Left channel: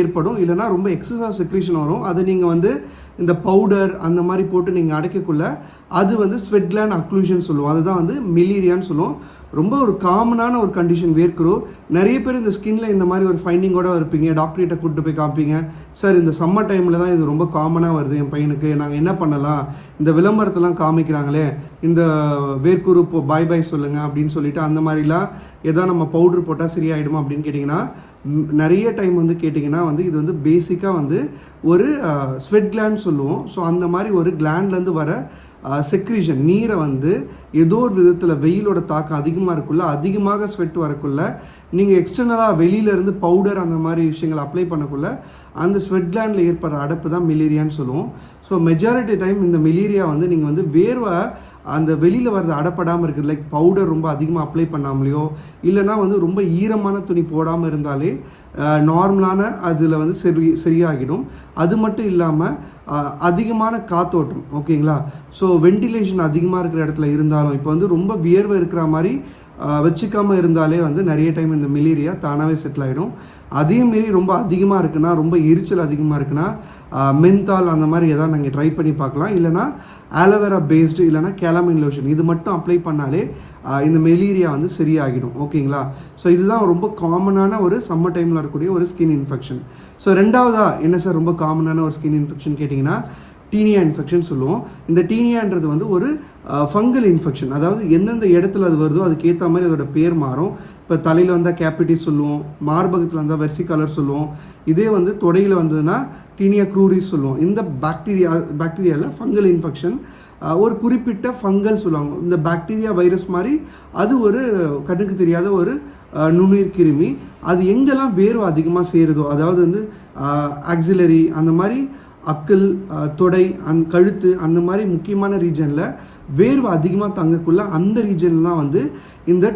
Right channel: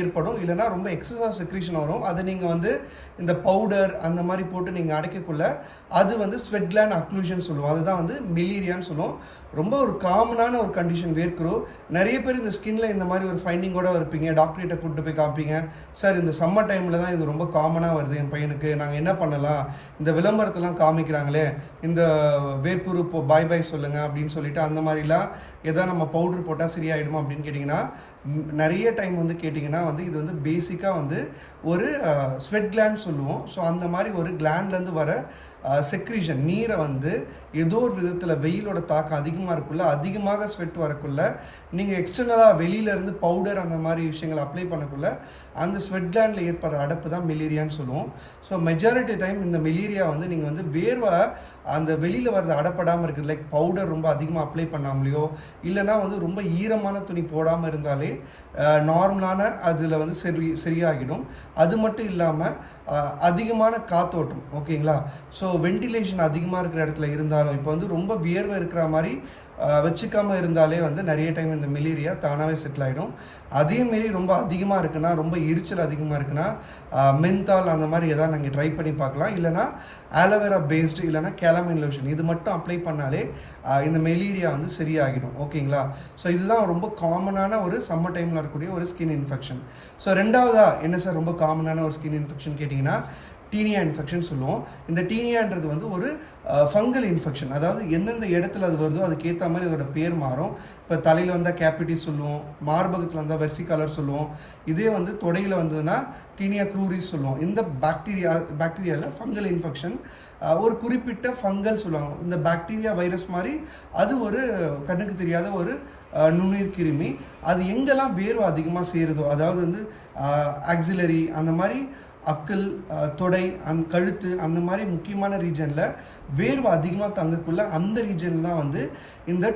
ஏற்படும், இல்லைனா ரொம்ப எக்ஸஸாக செக்ரீஷன் வரும். அதை நீங்கள் வந்து இந்த பவுடர் அந்த மாதிரி போட்டு நீங்கள் அடைக்கக்குள்ள அது வந்து ஸ்வெட் கிளாண்ட் அக்ளூஷன் சொல்லுவோம். அதுதான் வந்து மெலீரியான்னு சொல்லுவோம். ரொம்ப ஒரு காமனான ஒரு கண்டிஷன் வேர்க்கிறோம். நிறைய பேர் இந்த ஸ்கின்ல இந்த மாதிரி ஒரு ஃபைண்டிங்கோட இருப்பீங்க. டாக்டர்கிட்ட கூப்பிட்டு போய் காமிப்பீங்க. சார் இந்த சம்மர் டைமில் தான் இது ரொம்ப காமனாக வருது என் பையனுக்கு, நாங்கள் என்ன பண்ணலாம், இந்த விளம்பரத்தெல்லாம் காமிக்கிறாங்களே, இந்த வேர்க்குரு பாய் பாய் சொல்லுங்கள் அப்படின்னு சொல்லிட்டு அந்த மாதிரிலாம் எதாவது நம்ம பவுட்ரு போட்டால் சரியாயிடுமா அப்படின்னு கேட்டிங்கன்னா, நிறைய டைம் வந்து கேட்டிங்கன்னா வந்து இது வந்து பேசிக்காக வந்து ஒரு ஸ்வெட் கிளாண்ட் சொல்லுவோம். ஸோ அந்த மாதிரி ஒரு கிளாண்ட்லேருந்து வர செக்ரீஷன் நீரை வந்து ஏதோ ஒரு விதத்தில் வெயிலோட தாக்கம் அதிகமாக இருக்குள்ள, அதிகமாக ஸ்வெட் வரக்குள்ள, நீங்கள் எக்ஸ்டர்னலாக வெளியிலேருந்து பவுடர் அந்த மாதிரி விஷயங்களை அப்ளை பண்ணக்குள்ள அந்த ஸ்வெட் கிளாண்டில் ஏற்படுற அடைப்பு தான் மெலீரியான்னு சொல்லுவோம். ஸோ மெஜாரிட்டி டைம் இந்த மெலீரியா வந்து நீங்கள் வந்து வேர்வை அந்த வெளியில் வர்றது அடப்படாமல் இருக்குது, லைக் பவுடர் ரொம்ப அதிகமாக அப்ளை பண்ணாமலையோ இல்லைனா வந்து ரொம்ப ஈரமான துணி போடாமல் இருந்தாலே நார்மலான அதில் வந்து சரியாகிடும். அது மட்டும் இல்லாமல் அதிகமான காத்தோட்டம், ஓகேங்களா. ஸோ வென்டிலேஷன் அதிகமாக இருக்கிற இடத்துல இருந்தாலும், இப்போ வந்து ரொம்ப வியர்வை இருக்கிற மாதிரி வச்சுக்காமல் இருந்தாலே வந்து நிறைய டைம் இந்த மெலீரியா தானாகவே செட்டில் ஆகிடும். அதேமாரி ரொம்ப அதிகமாக இருக்குன்னா, ரொம்ப எரிச்சல் அதிகமாக இருக்குன்னா மென்தால் அந்த மாதிரி எதாவது நீங்கள் ட்ரை பண்ணி பார்க்கலாம். இல்லைனா ஆலோவேரா பேஸ்டு இல்லைனா கேலமைன் லோஷன் இது மட்டும் அப்ளை பண்ணாலே இந்த மெலீரியா வந்து சரியாகிடும், ஓகேங்களா. ஸோ இதுதான் ரொம்ப காமனான ஒரு சம்மர் டைமில் இருக்கக்கூடிய ஒரு ஸ்கின் இன்ஃபெக்ஷன். ஸோ ரெண்டாவதா என்ன சார் ரொம்ப காமனான ஒரு ஸ்கின் இன்ஃபெக்ஷன் கேட்டிங்கன்னா, டீனியா இன்ஃபெக்ஷன் சொல்லுவோம். இந்த டீனியான்றது வந்து ஒரு ஃபங்கல் இன்ஃபெக்ஷன். அதாவது எந்தெந்த இடத்துல அது வருதோ அதுக்கேற்ற மாதிரி அதோட பேர் மாறும். இப்போ தலையில் வந்தால் கேப்பிட்டிஸ் சொல்லுவோம், மார்பகத்தில் வந்தால் வெர்சிகாலர் சொல்லுவோம். இதே வந்து தொடையில் வந்ததுன்னா டீனியா க்ரூரிஸ் சொல்லுவோம். இந்த பாக்டீரியாவில் ஃபங்கல் இன்ஃபெக்ஷன், ஒரு குறிப்பிட்ட ஃபங்கல் சொல்லுவாங்க. இந்த பாக்டீரியா வைரஸ் மாதிரி அது ஒரு கண்ணுக்கு தெரியாத ஒரு நுண்ணுயிர் கிருமி. அது எங்கெல்லாம் வேர்வை அதிகமாக சேருதோ, அதாவது வந்து ஆக்சிலரி அந்த மாதிரி அக்கல், தொடை, கழுத்து அந்த மாதிரி முக்கியமான ரீஜனில் வேர்வை அதிகமாக தங்கக்குள்ள அந்த ரீஜனில் தான் வந்து இந்த